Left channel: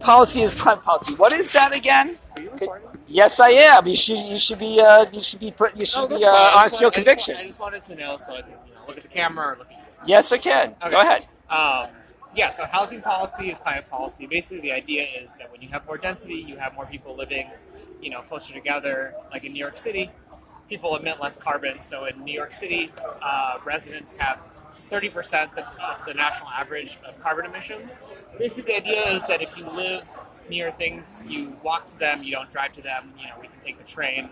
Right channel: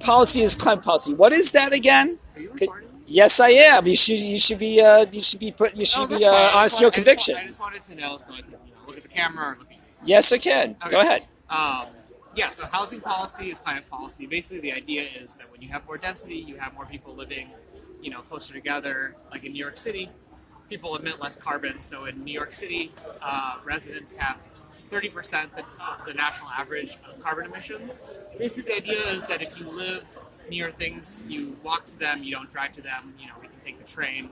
Policy is climate policy. What is that again? Are you recording? Yes, I am. You should be honest in your convictions. I just wanted to know so I could look at the camera or look at you. Yes, I can. Okay. Go ahead. Yeah, so housing policy is climate policy. Basically, the idea is that when you have more density, you have more people living, closer together. Like in New York City, people emit less carbon. So in New York City, residents have 30% of the national average of carbon emissions. Basically, the idea is that if you live near things, you walk to them, you don't drive to them. We can take the train,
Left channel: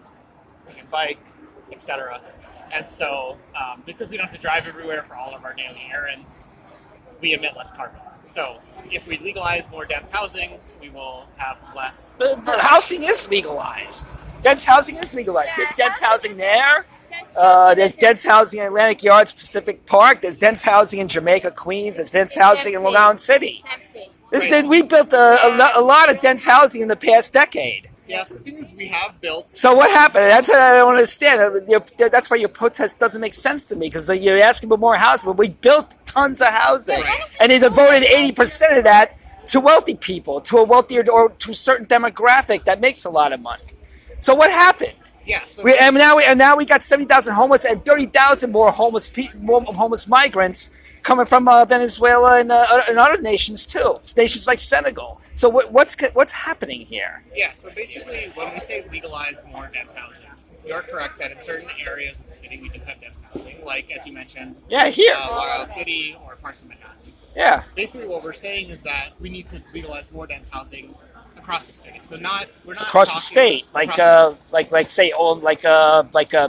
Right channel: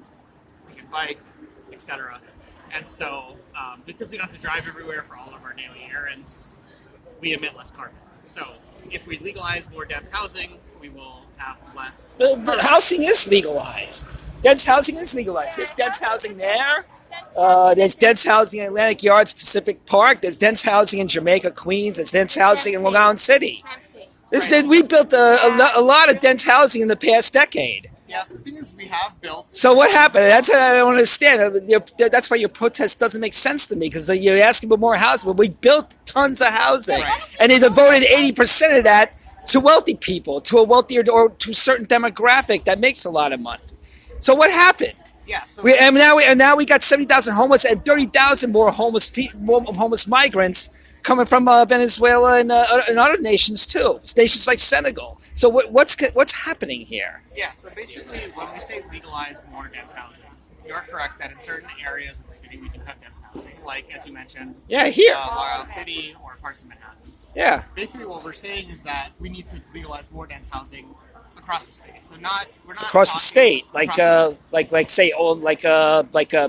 we can bike, etc. And so, because we don't have to drive everywhere for all of our daily errands, we emit less carbon. So if we legalize more dense housing, we will have less. The housing is legalized. Dense housing is legalized. There's dense housing there. There's dense housing in Atlantic Yards, Pacific Park. There's dense housing in Jamaica, Queens. There's dense housing in Long Island City. We built a lot of dense housing in the past decade. Yes, the thing is, we have built. So what happened? That's what I don't understand. That's why your protest doesn't make sense to me, because you're asking for more housing, but we built tons of housing, and they devoted 80% of that to wealthy people, to a wealthier or to a certain demographic that makes a lot of money. So what happened? Yeah. So now we got 70,000 homeless and 30,000 more homeless migrants coming from Venezuela and other nations too. Nations like Senegal. So what's happening here? Yeah. So basically, when we say legalize more dense housing, you're correct that in certain areas of the city we do have dense housing, like as you mentioned. Yeah, here. Long Island City or parts of Manhattan. Yeah. Basically, what we're saying is that we need to legalize more dense housing across the state. So we're not across the state, like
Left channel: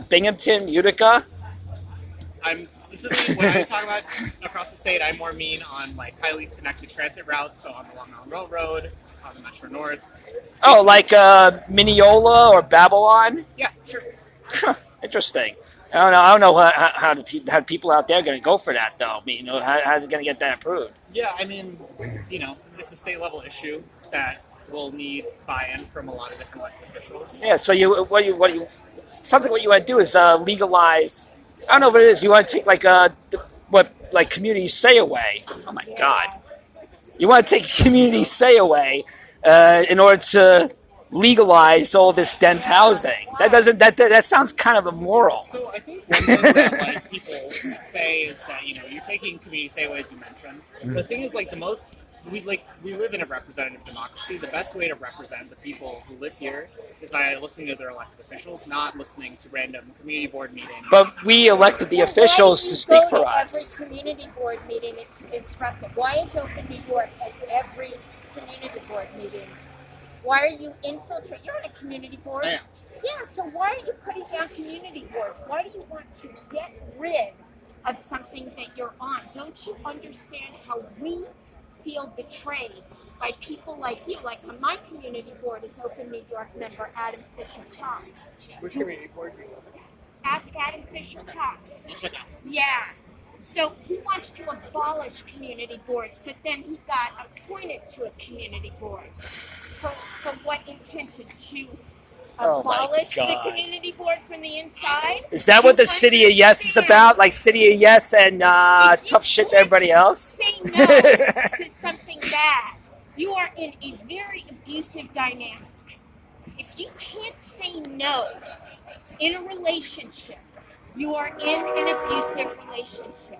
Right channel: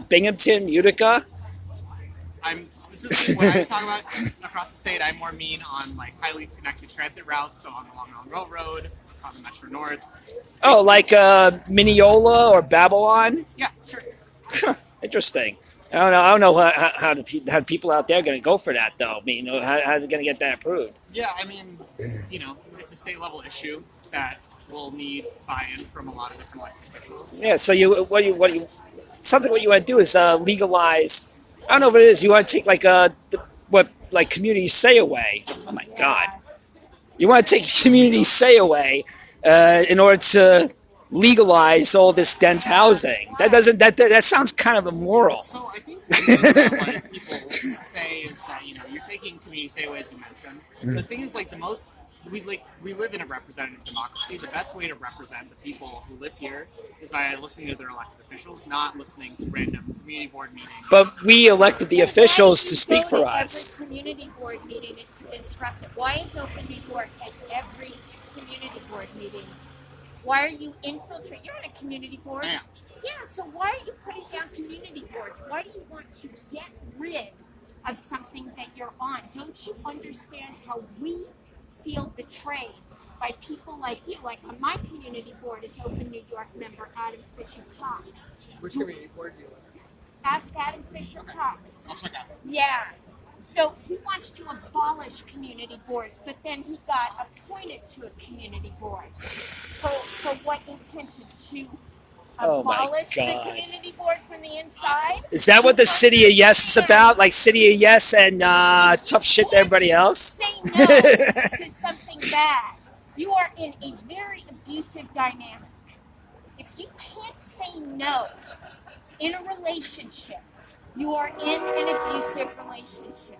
Binghamton, Utica. I'm specifically when I talk about across the state, I more mean on like highly connected transit routes, so on the Long Island Railroad, on the Metro North. Oh, like Mineola or Babylon? Yeah, sure. Interesting. I don't know how the people out there are going to go for that, though. I mean, how are they going to get that approved? Yeah, I mean, it's a state level issue that will need buy-in from a lot of different elected officials. Yeah. So sounds like what you want to do is legalize. I don't know what it is. You want to take like community say away. Oh my God. You want to take community say away in order to legalize all this dense housing. That sounds kind of immoral. So I think one thing that people say is that you're taking community say away, as you mentioned. Mm-hmm. The thing is, we live in a representative democracy. The best way to represent the people who live here is by listening to their elected officials, not listening to random community board meetings. But we elected the officials to speak for us. Every community board meeting is disruptive. Why is Open New York at every community board meeting? Why are you infiltrating? You're on a community board. I am. Yeah, so why are you putting down community boards? Why do you want to get rid of something that you're on? Don't you understand how we feel betrayed by people like you? Like on my community board is Open New York member Adam Fisher Cox. Which community board do you live in? Ask Adam Fisher Cox. I'll check out. Yeah. So he wants to abolish community boards, but then he got appointed to a community board. For what intention? To abolish the community board from the inside? Is that what the City of Yes is about? Like City of Yes and tough shit to everybody else? Say no to something bad. You are in a very abusive dynamic. If you can't say no in a relationship, you are in an abusive relationship.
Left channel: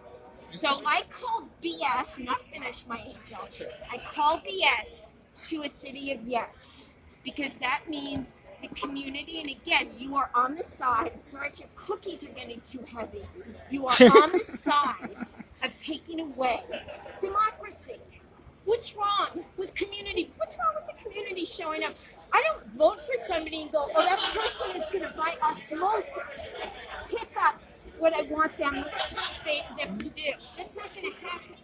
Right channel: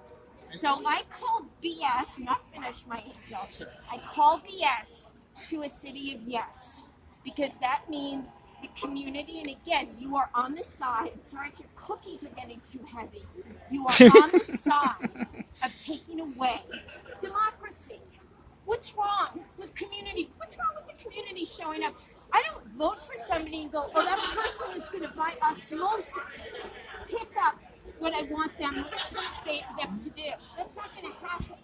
So I called BS, not finish my angel. I called BS to a City of Yes, because that means the community, and again, you are on the side. Sorry if your cookies are getting too heavy. You are on the side of taking away democracy. What's wrong with community? What's wrong with the community showing up? I don't vote for somebody and go, oh, that person is going to, by osmosis, pick up what I want them to do. That's not going to happen.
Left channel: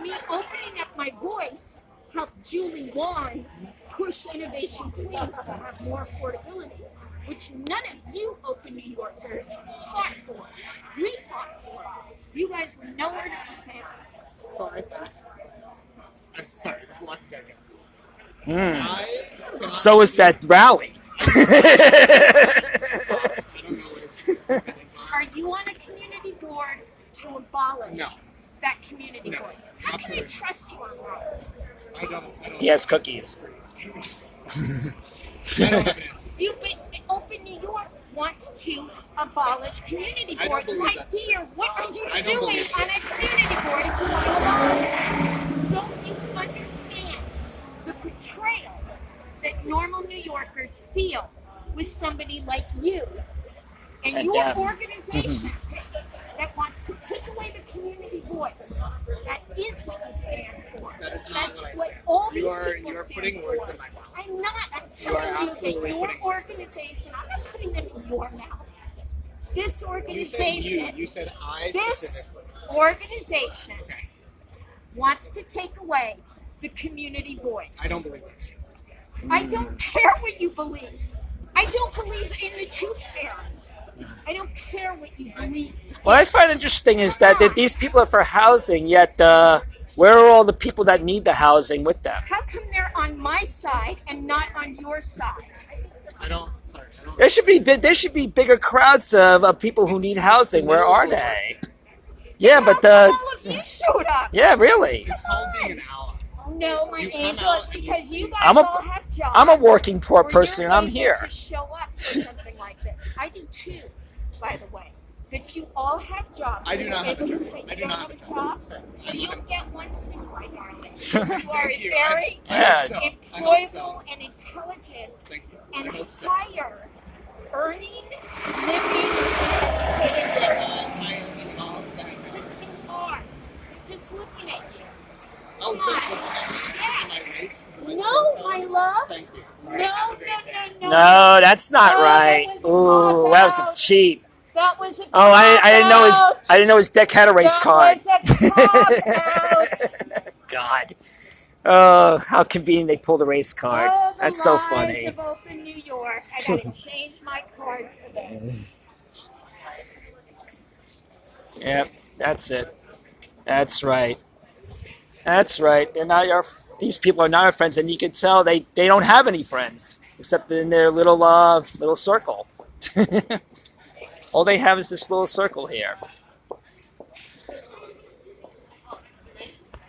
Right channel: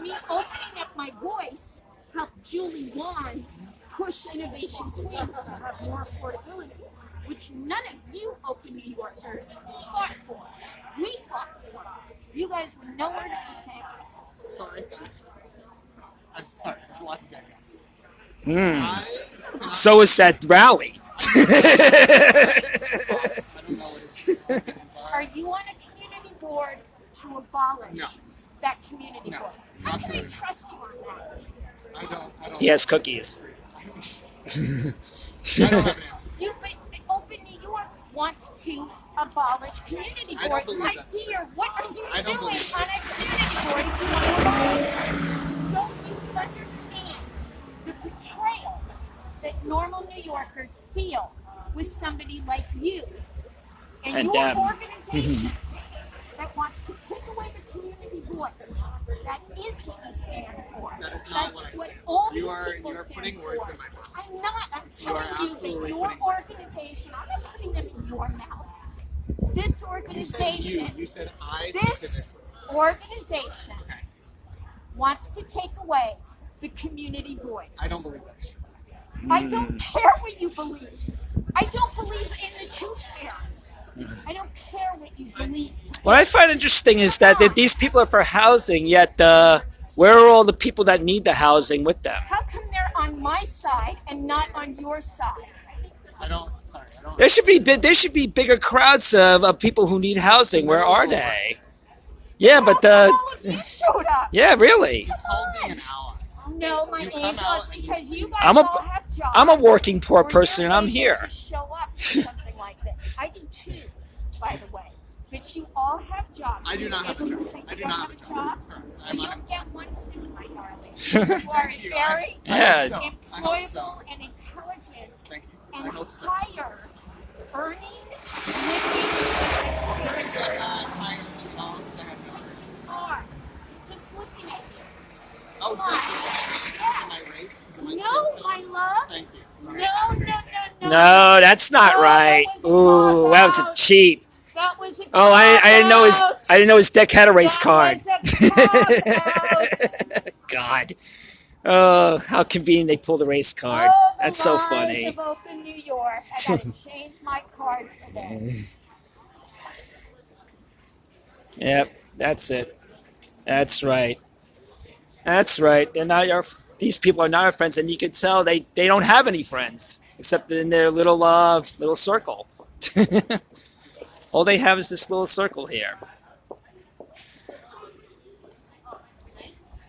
Me opening up my voice helped Julie Wan push Innovation Queens to have more affordability, which none of you Open New Yorkers fought for. We fought for it. You guys were nowhere to be found. So I'm sorry, there's lots of digest. So is that rally. Are you on a community board to abolish that community board? How can I trust you on that? I don't. He has cookies. I don't have an answer. Open New York wants to abolish community I don't boards. believe My that's dear, what are you I don't doing on believe a community board if you want to abolish it? Don't you understand the betrayal that normal New Yorkers feel with somebody like you and And your them. organization that wants to take away the community voice? That is what you stand for. That is not That's what I what stand all for. these You are people stand putting for. words in my mouth. I'm not. I'm are telling you that absolutely your putting words organization, I'm not putting them in your mouth. This You said organization, you said I this specifically. organization Okay. wants to take away the community voice. I don't believe that's true. I don't care what you believe. I don't believe in the tooth fairy. I don't care what you believe. What I find interesting is that these people are for housing, yet where are all the people that need the housing with them? How come they're on my side and not on your side? I don't. Sorry, I don't. There should be bigger crowds of people who need housing. Where are they? Yeah, How but come all of you showed up? yeah, really. It's called being an ally. No, my You come angel, out it's and you because see- you guys I'm a- all have jobs. I'm a working poor where person you're and I'm able here. to show up for something like this. I do too, by the way. But you all have jobs. I do not have a You're job. able to- I do you not don't have a job. Correct. You I'm don't unemployed. get one soon, my darling. You are Thank you. very I Yeah. hope so. I hope employable so. and intelligent Thank you. and I hope so. higher earning, living. You are. Just looking at you. Oh, just look at me. Am I race? Is my No, skin my tone? love. Thank you. No. No, that's not Oh, right. that was a Ooh, that was a cop-out. cheat. That was a Oh, cop-out. I didn't know his deck had a race That card. was a cop-out. God. Oh, how convenient they pulled a race card. Oh, the That's so lies funny. of open New York. I gotta change my card for this. Yep, that's it. That's right. That's right. They're not your. These people are not our friends, and you can tell they don't have any friends except in their little circle. All they have is this little circle here.